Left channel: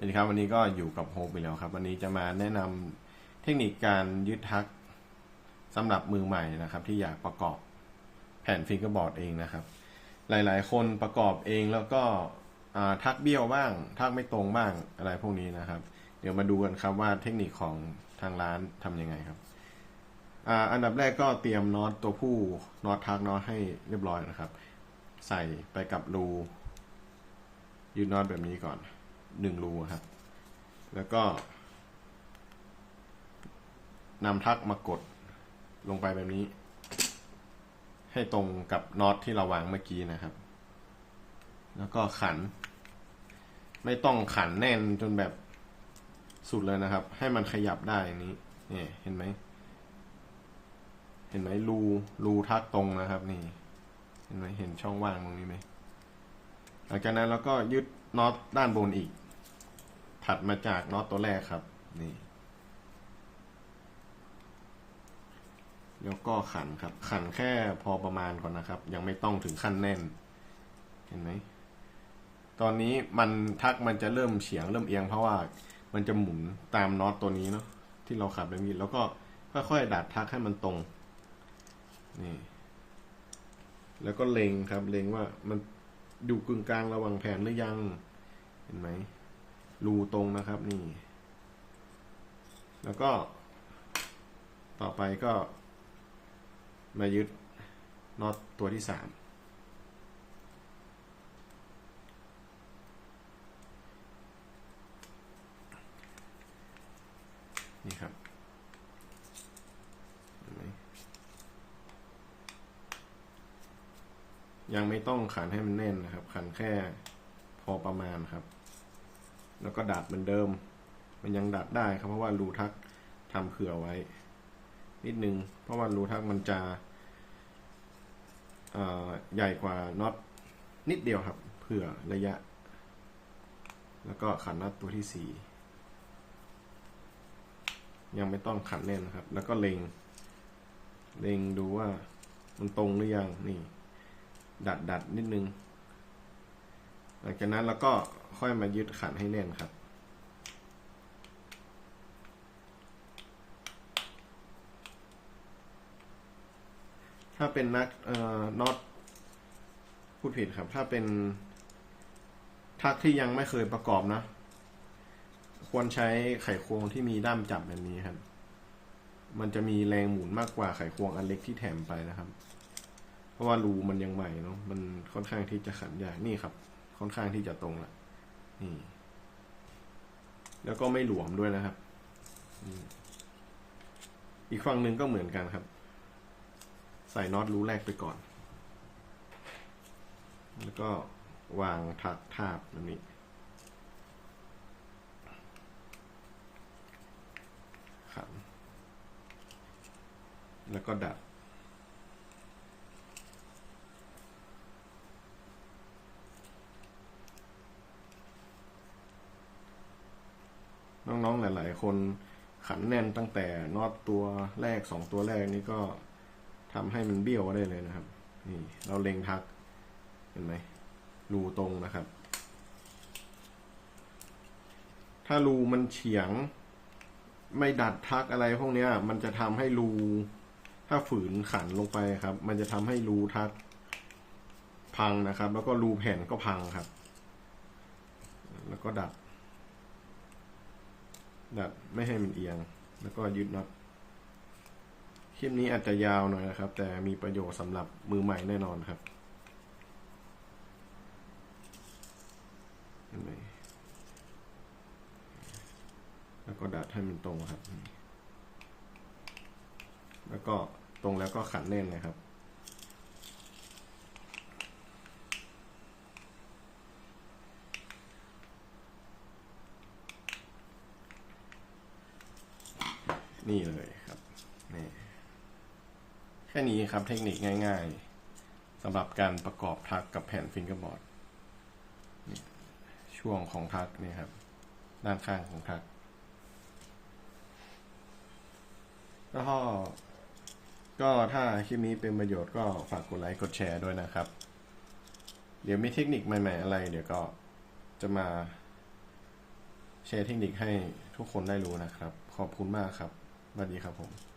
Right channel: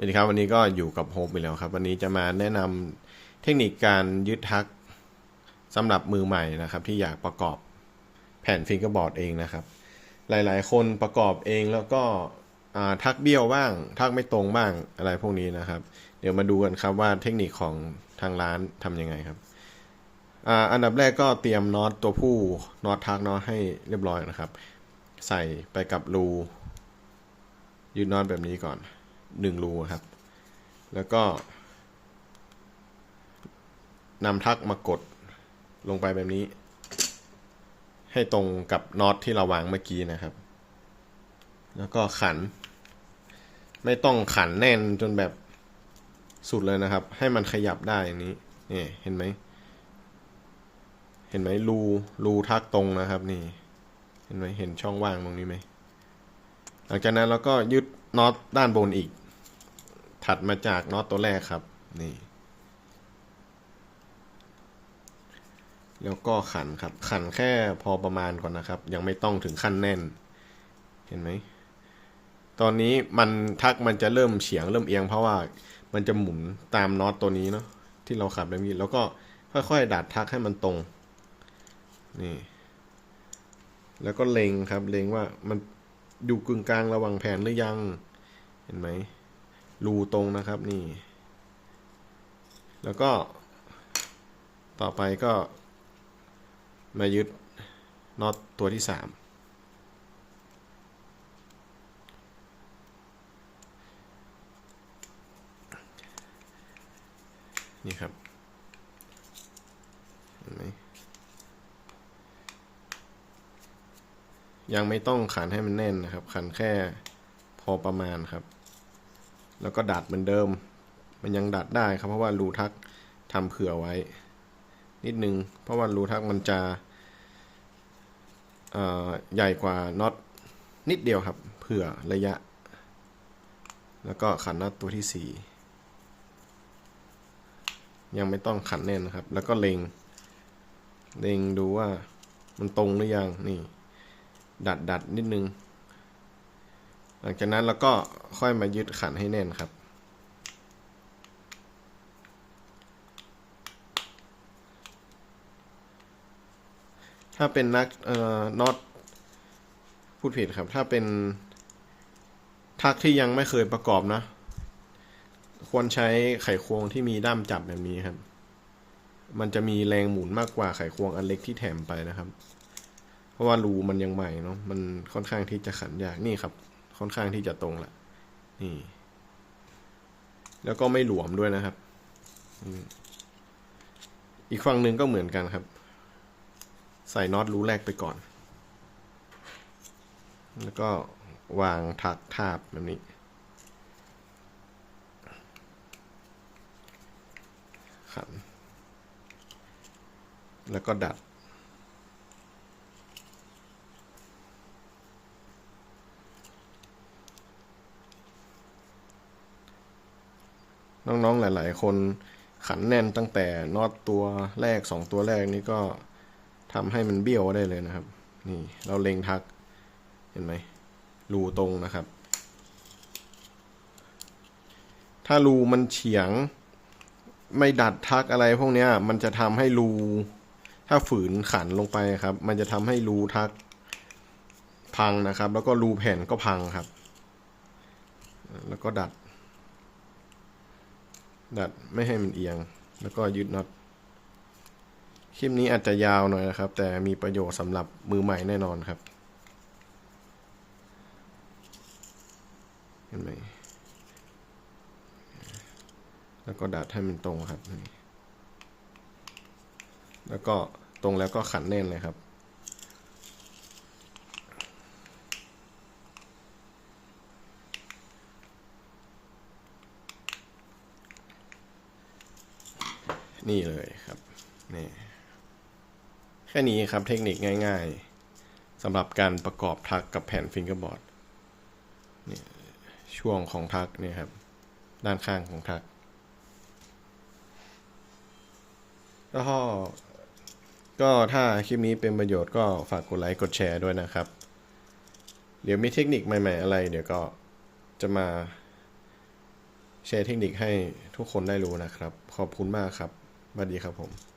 สวัสดีครับวันนี้ก็อยู่กับโฮปอีกแล้วครับ วันนี้จะมาแนะนำเทคนิคการยึดทักสำหรับมือใหม่นะครับ ที่อยากประกอบแผ่นฟิงเกอร์บอร์ดเองนะครับ หลายๆ คนประกอบเองแล้วก็ทักเบี้ยวบ้าง ทักไม่ตรงบ้างอะไรพวกนี้นะครับ เดี๋ยวมาดูกันครับว่าเทคนิคของทางร้านทำยังไงครับออันดับแรกก็เตรียมน็อตตัวผู้น็อตทักเนาะให้เรียบร้อยนะครับ ใส่ไปกับรูยึดน็อตแบบนี้ก่อน หนึ่งรูครับ แล้วก็นำทักมากดลงไปแบบนี้ ให้ตรงกับน็อตที่เราวางเมื่อกี้นะครับ แล้วก็ขัน ไม่ต้องขันแน่นจนแบบสุดเลยนะครับ ให้มันขยับได้อันนี้เนี่ยเห็นไหม เห็นไหมรูรูทักตรงนะครับนี่ เห็นไหมเห็นช่องว่างตรงนี้ไหม หลังจากนั้นเราก็ยึดน็อตด้านบนอีก ถัดมาจากน็อตตัวแรกครับ นี่ แล้วก็ขันครับ ขันแค่พอประมาณก่อนนะครับ ยังไม่ต้องถึงขั้นแน่น เห็นไหม ตอนนี้มันทักมันจะเริ่มเฉียงเริ่มเอียงเพราะว่ามันจะหมุนตามน็อตตัวนี้เนาะที่เราขับแบบนี้แล้วก็ค่อยๆดัดทักให้มันตรง นี่ แล้วก็เล็งครับ เล็งว่ามันอยู่กึ่งกลางระหว่างแผ่นหรือยัง เห็นไหม รูตรงนะครับนี่ แล้วก็ต่อไปก็มายึดน็อตตัวที่สามนี่ครับเห็นไหมยังไม่ต้องขันให้มันแน่นนะครับ ขันแค่พอประมาณครับ แล้วก็ดัดเหมือนเดิม มันยังดัดได้ครับเพราะว่ารูทักทำเผื่อไว้ นิดนึง เพราะว่ารูทักมันจะใหญ่กว่าน็อตนิดเดียวครับ เผื่อระยะ แล้วก็ขันน็อตตัวที่สี่ยังไม่ต้องขันแน่นนะครับ แล้วก็เล็ง เล็งดูว่ามันตรงหรือยังนี่ ดัดดัดนิดนึง หลังจากนั้นเราก็ค่อยมายึดขันให้แน่นครับ ถ้าเป็นนักเอ่อน็อตพูดผิดครับ ถ้าเป็นทักที่ยังไม่เคยประกอบนะ ควรใช้ไขควงที่มีด้ามจับแบบนี้ครับ มันจะมีแรงหมุนมากกว่าไขควงอันเล็กที่แถมไปนะครับ เพราะว่ารูมันยังใหม่เนาะมันค่อนข้างที่จะขันยากนี่ครับ ค่อนข้างที่จะตรงละนี่ แล้วก็ไม่หลวมด้วยนะครับ อีกฝั่งหนึ่งก็เหมือนกันครับ ใส่น็อตรูแรกไปก่อน แล้วก็วางถักทาบแบบนี้ขันแล้วก็ดัด น้องๆหลาย ๆ คนขันแน่นตั้งแต่น็อตตัวแรกสองตัวแรกนี่ก็ทำให้มันเบี้ยวได้เลยนะครับ นี่เราเล็งทักเห็นไหมรูตรงนะครับ ถ้ารูมันเฉียง ไม่ดัดทักอะไรพวกนี้มันจะทำให้รูถ้าฝืนขันลงไปครับ มันจะทำให้รูทักพังนะครับ แล้วก็รูแผ่นก็พังครับ แล้วก็ดัด ดัดไม่ให้มันเอียง แล้วก็ยึดน็อตคลิปนี้อาจจะยาวหน่อยนะครับ แต่มีประโยชน์สำหรับมือใหม่แน่นอนครับเห็นไหมแล้วก็ดัดให้มันตรงครับ แล้วก็ตรงแล้วก็ขันแน่นเลยครับ นี่เลยครับนี่แค่นี้ครับเทคนิคง่ายๆสำหรับการประกอบทักกับแผ่นฟิงเกอร์บอร์ดนี่ช่วงของทักเนี่ยครับ ด้านข้างของทัก แล้วก็ก็ถ้าคลิปนี้เป็นประโยชน์ก็ฝากกดไลค์กดแชร์ด้วยนะครับ เดี๋ยวมีเทคนิคใหม่ ๆ อะไร เดี๋ยวก็จะมาแชร์เทคนิคให้ทุกคนได้รู้นะครับ ขอบคุณมากครับ สวัสดีครับผม